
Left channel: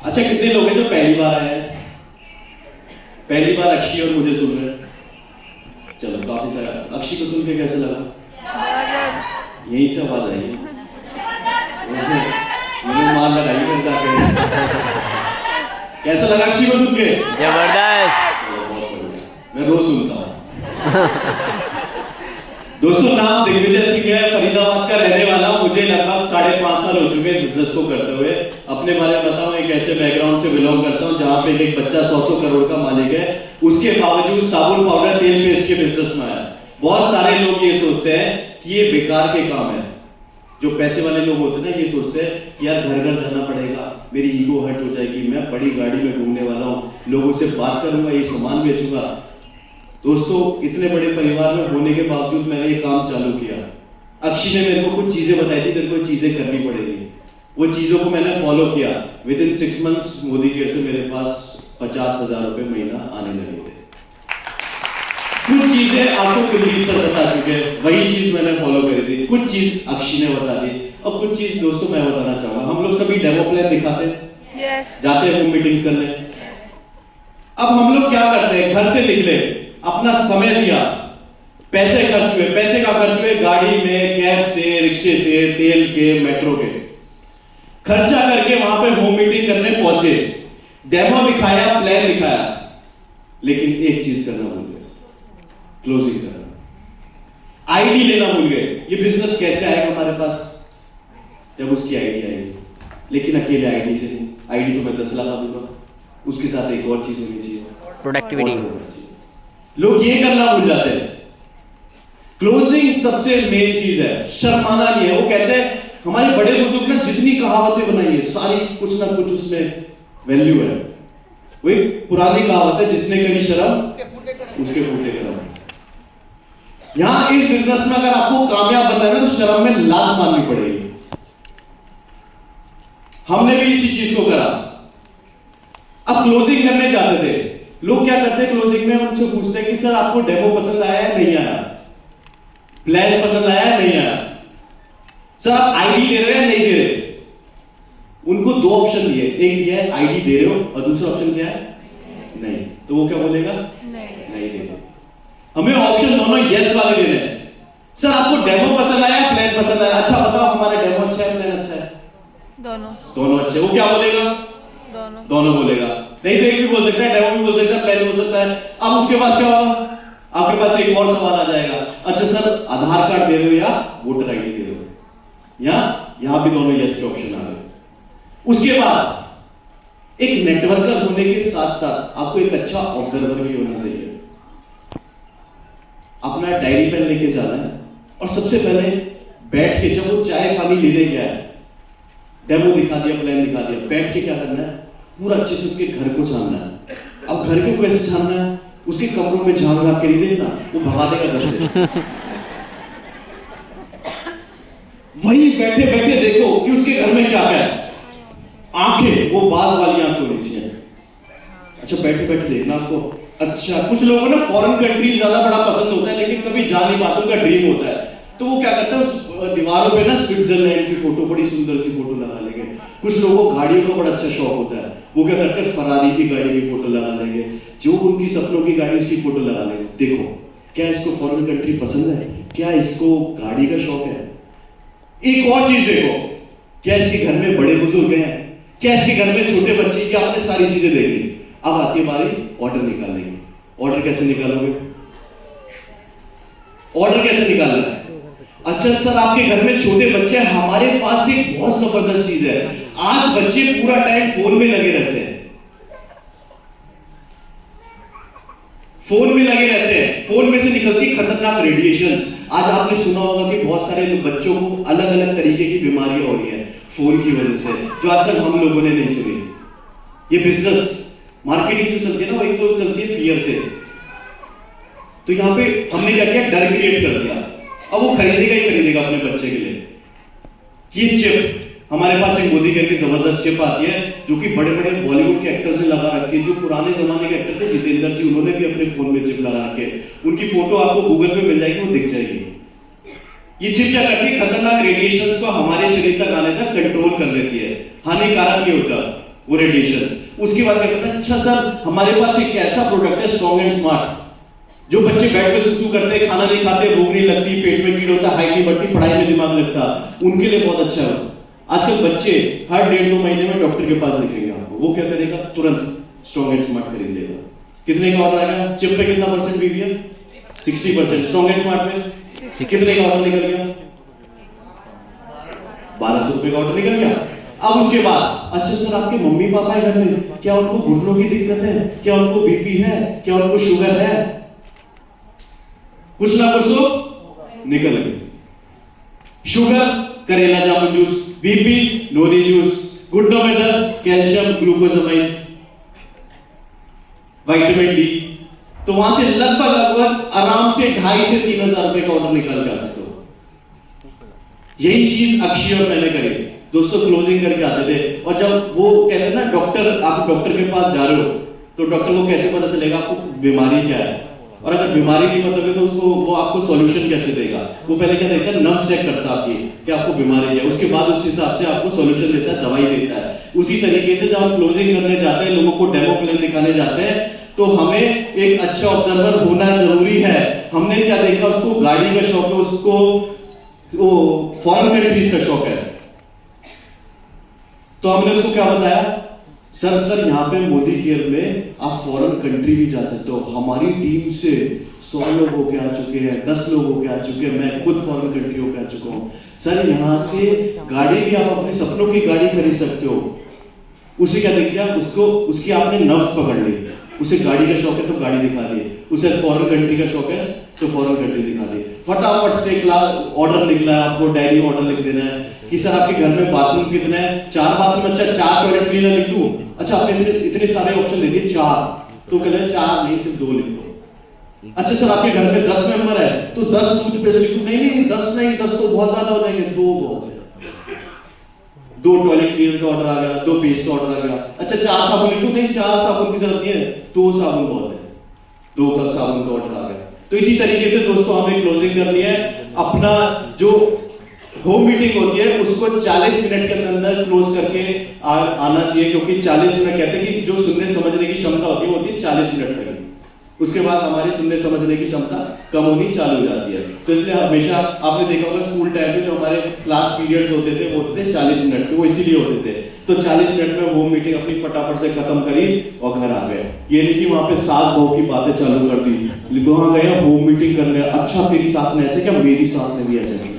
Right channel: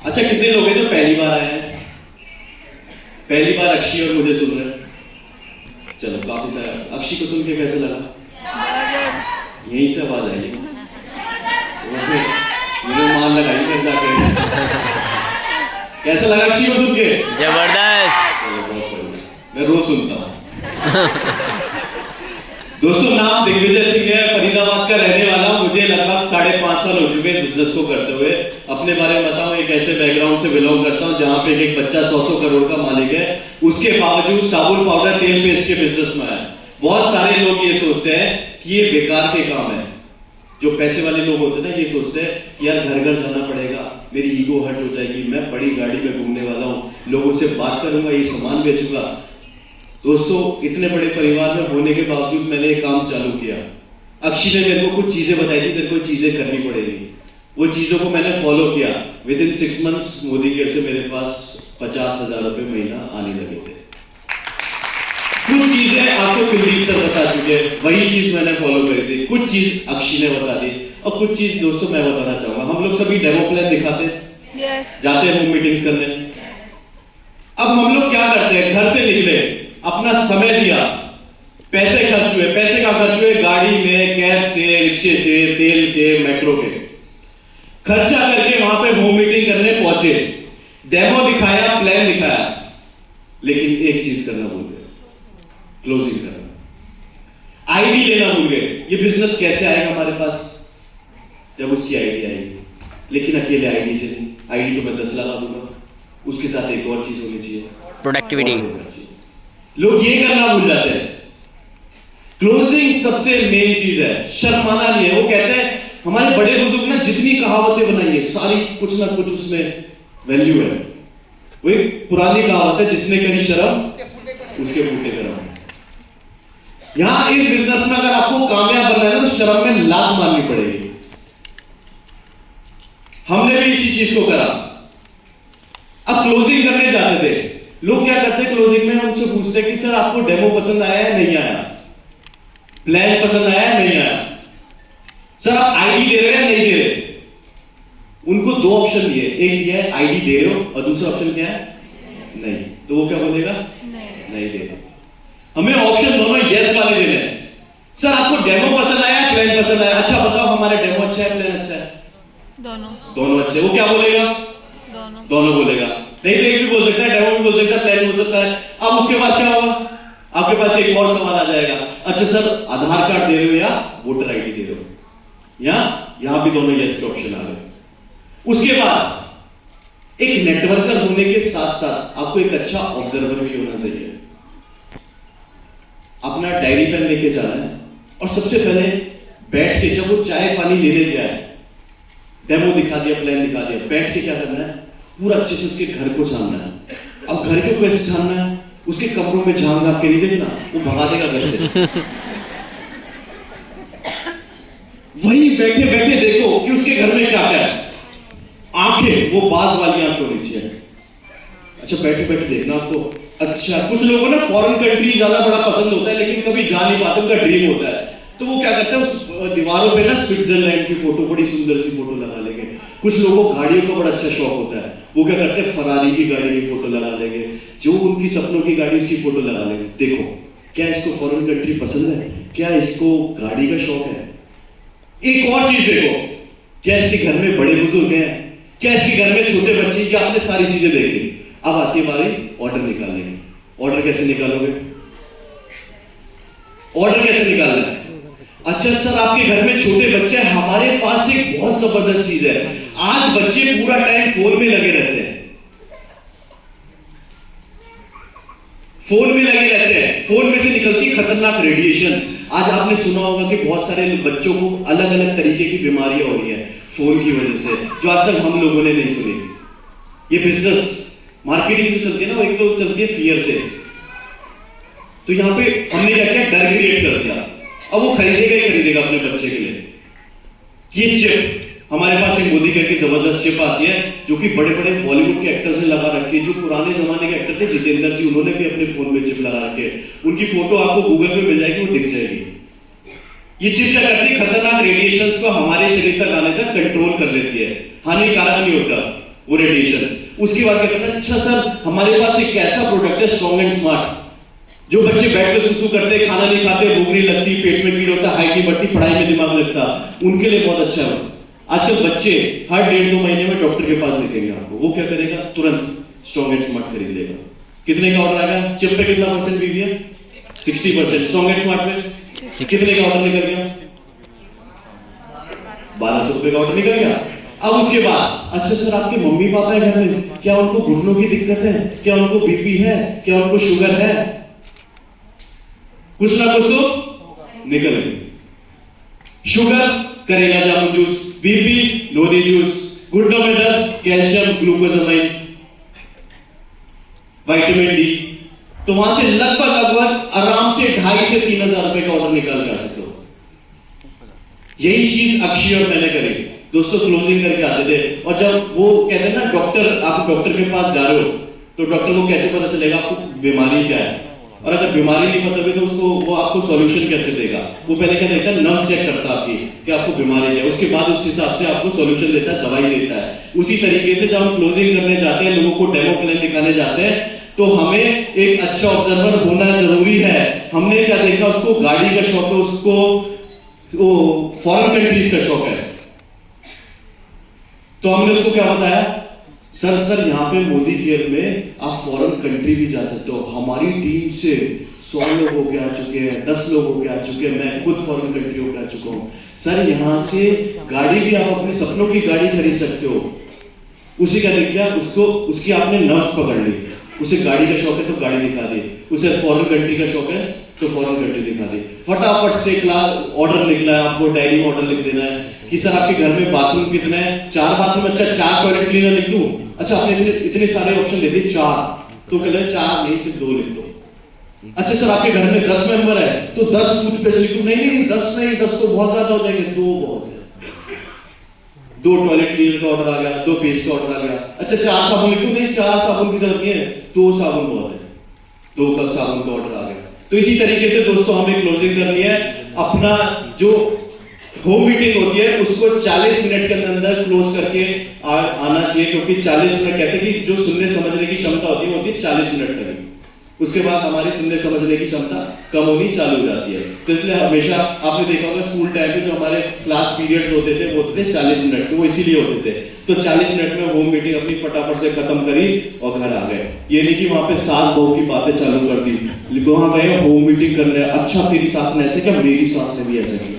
अच्छा, कितने लोग हैं जो पहली बार आए हैं? पहली बार अक्षी और मुझे सुन रहे हैं? चलो काफी सारा। अक्षी को सुन के कैसे लगा? यही से आवाज आई, मैंने मार लगाई फिर जाके। कैसा लगा अक्षी को सुन के? जबरदस्त। बहुत बढ़िया, मैं रोज सुनता हूँ। दोस्तों, नाम दिग्विजय सिंह है, फरीदाबाद का रहने वाला हूं। मुझे लगभग 5.5 साल हो चुके हैं बिजनेस को करते हुए। अपने बारे में बताऊं, एक ऐसे बैकग्राउंड से बिलोंग करता हूं जहां पे एक बच्चा 100 करोड़ का मालिक है, उसके बावजूद साबुन, पाउडर, तेल पेस्ट के बिजनेस में आया। बहुत सारे लोग ये सोचते हैं कि ये बेकार के काम है। जो पैसे वाले लोग होते हैं ना, ये सोचते हैं कि यार घर घर जाना पड़ेगा, मेरी ईगो हर्ट हो जाएगी, मैं बड़ी गाड़ी में घूमने वाला हूँ, लोगों से बात करूंगा, ये सामान बेचूंगा। दोस्तों, इतने बड़े परिवार में होने के बावजूद मैंने एक काम चालू किया। अक्षी ने मेरे को कुछ चीजें बताई थी, तेरे को चीजें करनी पड़ेगी। वो चीजों को मैंने फॉलो किया। With in 6 months Modi care से मेरे पास 50,000 रुपए महीना आने लगे थे। कुछ चीजें आपको कुलदीप सर बता चुके हैं, वही चीज मैंने फॉलो करी थी। कुछ चीज अक्षी ने बता दी, और कुछ चीज दोस्तों मैं बताना चाहूंगा। हम लोग सभी डेमो प्लान दिखाते हैं, जाते हैं होम मीटिंग्स करने। अब हम लोग क्या करते हैं? घर से निकले, अपना समय दिया, पैसे खर्च हुए। पैसे का खर्च हुए गाड़ी में, कैब से, रिक्शे से, तेल के, मेट्रो के, खर्चा करके वहां पे होम मीटिंग करने पहुंचे। पहुंचे, डेमो दिखाया, प्लान दिखाया, लेकिन एक चीज करना भूल गए, क्लोजिंग करना। आईडी लेना भूल गए। ये बिजनेस कैसे आएगा हमारे पास? जब उसकी आईडी आएगी, लेकिन अकेले आईडी से नहीं। आईडी तो मैं 10 लगा दूंगा, उसके साथ एक और चीज होनी चाहिए, प्रोडक्टिविटी। लोग ये करना भूल जाते हैं। क्लोजिंग सबसे मेन चीज है, शर्माना नहीं है। वो कहते हैं, हमारे बड़े बुजुर्ग ना जितनी कहावतें बनाई है, सारी कुछ ना कुछ उसमें वैल्यू है। वो एक पुरानी कहावत है, जिसने करी शर्म उसके फूटे करम। यहां इस बिजनेस में अगर आपको कामयाब बनना है ना, तो शर्म में लात मारनी पड़ेगी। हमने भी इसी चीज को करा। अब क्लोजिंग करने जाते थे, लोग क्या करते हैं क्लोजिंग में, उनसे पूछते हैं कि सर आपको डेमो पसंद आया है नहीं आया, प्लान पसंद आया है नहीं आया, सर आप आईडी दे रहे हैं नहीं दे रहे। उनको दो ऑप्शन दिए, एक दिया है आईडी दे रहे हो, और दूसरा ऑप्शन क्या है? नहीं। तो वो क्या बोलेगा? नहीं दे रहे। हमें ऑप्शन दोनों यस वाले देने हैं। सर आपको डेमो पसंद आया है, प्लान पसंद आया? अच्छा बताओ, हमारा डेमो अच्छा है, प्लान अच्छा है? दोनों अच्छे। वो क्या बोलेगा? दोनों बोलेगा। नहीं तो एक भी बोल सकता है, डेमो भी बोल सकता है, प्लान भी बोल सकता है। अब उसके पास क्या होगा? आपके पास एक और सवाल आ जाएगा, अच्छा सर आधार कार्ड दे रहे हो या वोटर आईडी दे रहे हो? यहां भी दोनों यस के ऑप्शन आ गए। उसके बाद एक नेटवर्कर होने के साथ साथ आपको एक अच्छा ऑब्जर्वर भी होना चाहिए। अपना डायरी पेन लेके जाना है, और सबसे पहले बैठ के, जब वो चाय पानी लेने गया है, डेमो दिखा दिया, प्लान दिखा दिया, बैठ के क्या करना है, पूरा अच्छे से उसके घर को जानना है। अब घर को कैसे जानना है? उसके कमरों में झांक झांक के नहीं देखना, वो भगा देगा घर से। वहीं बैठे बैठे देखो कि उसके घर में क्या है। आंखें वो बाज वाली आंखें होनी चाहिए। अच्छा बैठे बैठे देखना आपको। अच्छा कुछ लोगों को ना फॉरेन कंट्री ज्यादा बड़ा पसंद होता है, लेकिन कभी जा नहीं पाते, उनका ड्रीम होता है, तो वो क्या करते हैं, उस दीवारों पे ना स्विट्जरलैंड की फोटो, बड़ी सुंदर सी फोटो लगा लेंगे। कुछ लोगों को गाड़ियों का बड़ा अच्छा शौक होता है, वो क्या करते हैं, फरारी की गाड़ी की फोटो लगा लेंगे, जो उनकी सपनों की गाड़ी उसकी फोटो लगा लेंगे। देखो क्या इसको फॉरेन कंट्री पसंद है, क्या इसको गाड़ी का शौक है। एक और चीज देखो, क्या इसके घर में बड़े बुजुर्ग हैं, क्या इसके घर में छोटे बच्चे, क्या आपने सारी चीजें देखी। अब आती है बारी ऑर्डर निकालने की। ऑर्डर कैसे निकालोगे? ऑर्डर कैसे निकालना है? अच्छा सर आपके घर में छोटे बच्चे हैं, हमारे पास एक बहुत जबरदस्त चीज है। आज बच्चे पूरा टाइम फोन में लगे रहते हैं, फोन में लगे रहते हैं, फोन में से निकलती खतरनाक रेडिएशंस। आज आपने सुना होगा कि बहुत सारे बच्चों को अलग अलग तरीके की बीमारियां हो रही है फोन की वजह से, जो आज तक हम लोगों ने नहीं सुनी। ये बिजनेस मार्केटिंग जो चलती है ना, वो एक तो चलती है फियर से। तो यहां पे हमने क्या किया, डर क्रिएट कर दिया। अब वो खरीदेगा ही खरीदेगा अपने बच्चे के लिए। ये चिप हमारे पास एक मोदी की जबरदस्त चिप आती है, जो कि बड़े बड़े बॉलीवुड के एक्टर्स ने लगा रखी है। जो पुराने जमाने के एक्टर थे, जितेंद्र जी, उन्होंने भी अपने फोन में चिप लगा रखी है। उनकी फोटो आपको गूगल पे मिल जाएगी, वो दिख जाएगी। ये चिप क्या करती है, खतरनाक रेडिएशंस को हमारे शरीर तक आने तक कंट्रोल कर लेती है, हानिकारक नहीं होता वो रेडिएशंस। उसके बाद क्या करता है, अच्छा सर हमारे पास एक ऐसा प्रोडक्ट है स्ट्रॉन्ग एंड स्मार्ट, जो बच्चे बैठ के सुसु करते हैं, खाना नहीं खाते, भूख नहीं लगती, पेट में कीड़ होता, हाइट नहीं बढ़ती, पढ़ाई में दिमाग लगता, उनके लिए बहुत अच्छा है। आजकल बच्चे हर 1.5-2 महीने में डॉक्टर के पास दिखेंगे आपको, वो क्या करेगा, तुरंत स्ट्रॉन्ग एंड स्मार्ट खरीद लेगा। कितने का ऑर्डर आया? चिप पे कितना परसेंट भी है? 60%। स्ट्रॉन्ग एंड स्मार्ट पे कितने का ऑर्डर निकल गया? 1200 रुपए का ऑर्डर निकल गया। अब उसके बाद अच्छा सर आपके मम्मी पापा है घर में, क्या उनको घुटनों की दिक्कत है, क्या उनको बीपी है, क्या उनको शुगर है? कुछ ना कुछ तो निकल गए। शुगर करेला जामुन जूस, बीपी नोदी जूस, घुटनों में दर्द कैल्शियम ग्लूकोजामाइन, विटामिन डी। तो वहां से लगभग आराम से 2,500 से 3,000 रुपए का ऑर्डर निकाल के आ सकते हो। यही चीज अक्षय और मैंने करी। दोस्तों क्लोजिंग करके आते थे, और जब वो कहते हैं ना डॉक्टर, आप डॉक्टर के पास जा रहे हो, तो डॉक्टर को कैसे पता चलेगा आपको बीमारी क्या है, और अगर बीमारी नहीं पता तो उसको वो आपको सॉल्यूशन कैसे देगा? वो पहले क्या देता है, नर्व्स चेक करता है आपकी कि आपको बीमारी है, उसके बाद उस हिसाब से आपको सॉल्यूशन देता है, दवाई देता है। उसी तरीके से जब हम क्लोजिंग करने जाते हैं, लोगों को डेमो प्लान दिखाने जाते हैं, तो हमें एक अच्छा ऑब्जर्वर होना जरूरी है। हमने क्या देखा, उसको गाड़ी का शौक है, उसको फॉरेन कंट्रीज का शौक है, तो हमने उसको क्या बताया, सर यहाँ पे मोदी केयर में आप फॉरेन कंट्री भी जा सकते हो। हमारी टीम से 100 लोग होके आ चुके हैं, 10 लोग होके आ चुके हैं, मैं खुद फॉरेन कंट्री होके आ चुका हूँ। सर यहाँ से गाड़ी भी आप अपने सपनों की गाड़ी खरीद सकते हो। उसे क्या दिख गया, उसको उसकी आपने नब्ज पकड़ ली। उसे गाड़ी का शौक है तो गाड़ी दिखा दी, उसे फॉरेन कंट्री का शौक है तो फॉरेन कंट्री दिखा दी। फटाफट से ऑर्डर निकला है, आपको डायरी में ऑर्डर लिख देना है कि सर आपके घर में बाथरूम कितना है, 4 बाथरूम, अच्छा 4 टॉयलेट क्लीनर लिख दूं, अच्छा आपने इतने सारे ऑप्शन दे दिए 4, तो कह 4 नहीं सिर्फ 2 लिख दो। अच्छा सर आपके घर में 10 मेंबर है तो 10 टूथपेस्ट लिख दूं, नहीं 10 नहीं, 10 तो बहुत ज्यादा हो जाएंगे, 2 बहुत है। 2 टॉयलेट क्लीनर का ऑर्डर आ गया, 2 पेस्ट का ऑर्डर आ गया। अच्छा 4 साबुन लिख दूं, नहीं 4 साबुन की जरूरत नहीं है, 2 साबुन बहुत है, 2 का साबुन का ऑर्डर आ गया। तो इसी तरीके से दोस्तों हमें क्लोजिंग करनी है। अपना जो होम मीटिंग होती है उसको 40 मिनट के अंदर क्लोज करके आना चाहिए, क्योंकि 40 मिनट कहते हैं कि जो सुनने समझने की क्षमता होती है वो होती है 40 मिनट तक। उसके बाद हमारी सुनने समझने की क्षमता कम होनी चालू हो जाती है। तो इसलिए हमेशा आपने देखा होगा स्कूल टाइम में जो हमारे क्लास पीरियड्स होते थे वो होते थे 40 मिनट के, वो इसीलिए होते थे। तो 40 मिनट में होम मीटिंग अपनी फटाफट से खत्म करी और घर आ गए। ये नहीं कि वहां पे सास बहू की बातें चालू कर दी, वहां गए होम मीटिंग कर रहे हैं, अच्छा तेरी सास ने ऐसे क्या, मेरी सास ने भी ऐसे किया।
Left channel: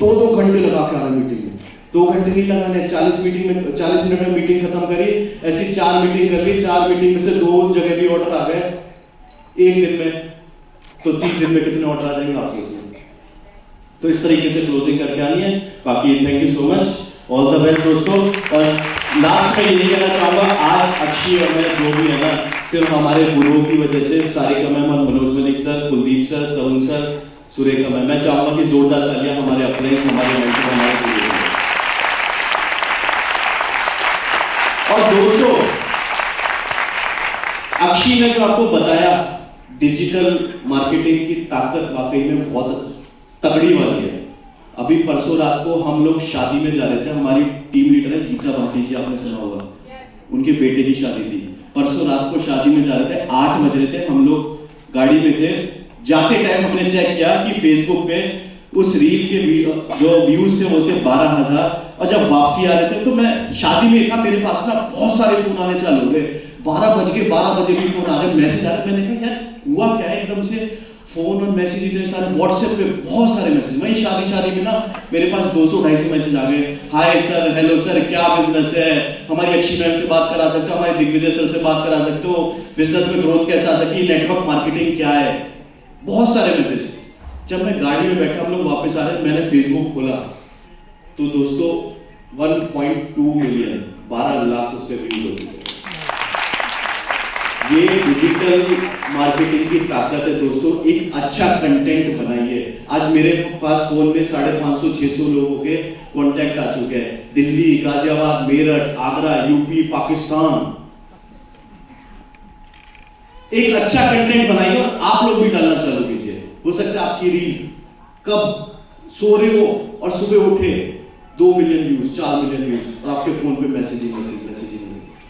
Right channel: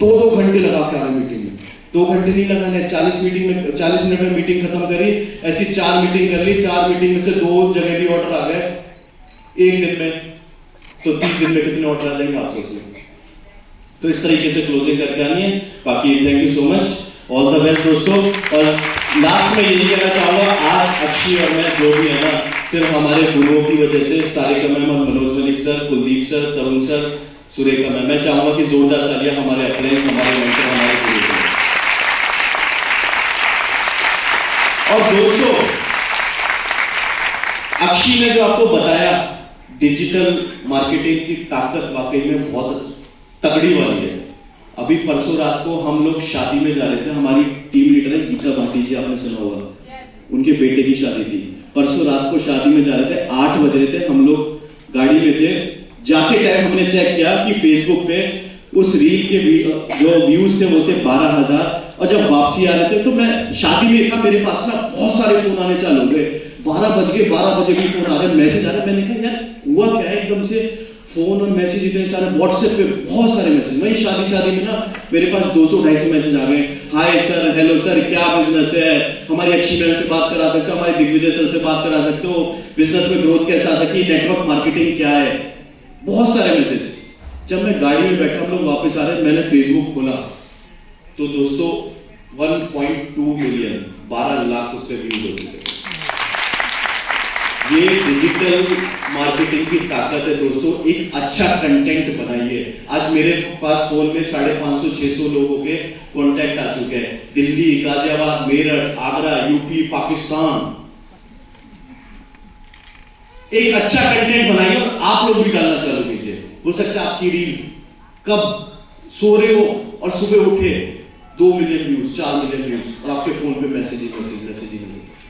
2 घंटे लगा के आ रहे मीटिंग में, 2 घंटे नहीं लगाने, 40 मिनट में मीटिंग खत्म करी। ऐसी 4 मीटिंग कर ली, 4 मीटिंग में से 2 जगह भी ऑर्डर आ गए 1 दिन में, तो 30 दिन में कितने ऑर्डर आ जाएंगे आप सोचिए। तो इस तरीके से क्लोजिंग करके आनी है। बाकी thank you so much, all the best दोस्तों। और लास्ट में यही कहना चाहूंगा, आज अक्षी और मैं जो भी है ना, सिर्फ हमारे गुरुओं की वजह से, Sarika ma'am, Manoj Malik sir, Kuldeep sir, Tarun sir, Surekha ma'am, मैं चाहूंगा कि जोरदार तालियां हमारे अप्लाइज, हमारे मेंटर, हमारे गुरु। और दोस्तों अक्षी ने जो आपको बताया डिजिटल मार्केटिंग की ताकत वाकई में बहुत तगड़ी वाली है। अभी परसों रात को हम लोग शादी में जा रहे थे, हमारी टीम लीडर है गीता भाटी जी, आपने सुना होगा, उनके बेटे की शादी थी। परसों रात को शादी में जा रहे थे, 8 बज रहे थे, हम लोग गाड़ी में थे। जाते टाइम हमने चेक किया कि फेसबुक पे उस रील के जो व्यूज थे वो थे 12,000, और जब वापसी आ रहे थे तो मैं शादी में था, मेरे पास ना बहुत सारे फोन आने चालू हो गए। 12 बजे भी फोन आ रहे, मैसेज आ रहे। मैंने कहा यार हुआ क्या है, एकदम से फोन और मैसेज इतने सारे, व्हाट्सएप पे बहुत सारे मैसेज। मैं शादी में ना मेरे पास 200-250 मैसेज आ गए। हाय सर, हेलो सर, क्या बिजनेस है, हमारी अक्षी मैम से बात करा सकते हो, हमारे दिग्विजय सर से बात करा सकते हो, बिजनेस में ग्रोथ कैसे आ सकती है, नेटवर्क मार्केटिंग क्या है, बहुत सारे मैसेज। जब मैं गाड़ी में बैठा, हम लोग वापस आ रहे, मैंने फेसबुक खोला तो दोस्तों 1.2 मिलियन, 12 लाख उस पर व्यूज हो चुके। ये डिजिटल मार्केटिंग की ताकत है दोस्तों। एक अच्छा कंटेंट बनाइए। आज मेरे पास फोन में 550-600 लोगों के कॉन्टैक्ट आ चुके हैं, दिल्ली, गाजियाबाद, मेरठ, आगरा, यूपी, पाकिस्तान। एक अच्छा कंटेंट बनाइए और आप लोग भी डालना चालू कीजिए। हो सकता है आपकी रील कब सो रहे हो और सुबह उठे 2 मिलियन व्यूज, 4 मिलियन व्यूज, और आपके फोन पे मैसेज ही मैसेज।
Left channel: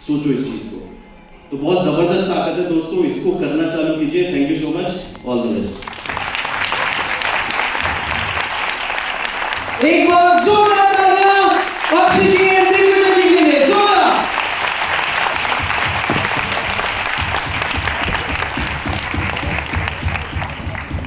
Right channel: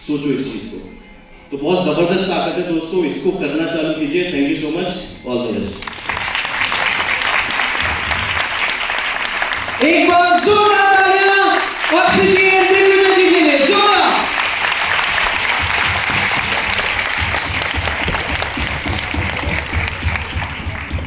सोचो इस चीज को, तो बहुत जबरदस्त ताकत है दोस्तों, इसको करना चालू कीजिए। Thank you so much, all the best. एक बार जोरदार तालियां अक्षय जी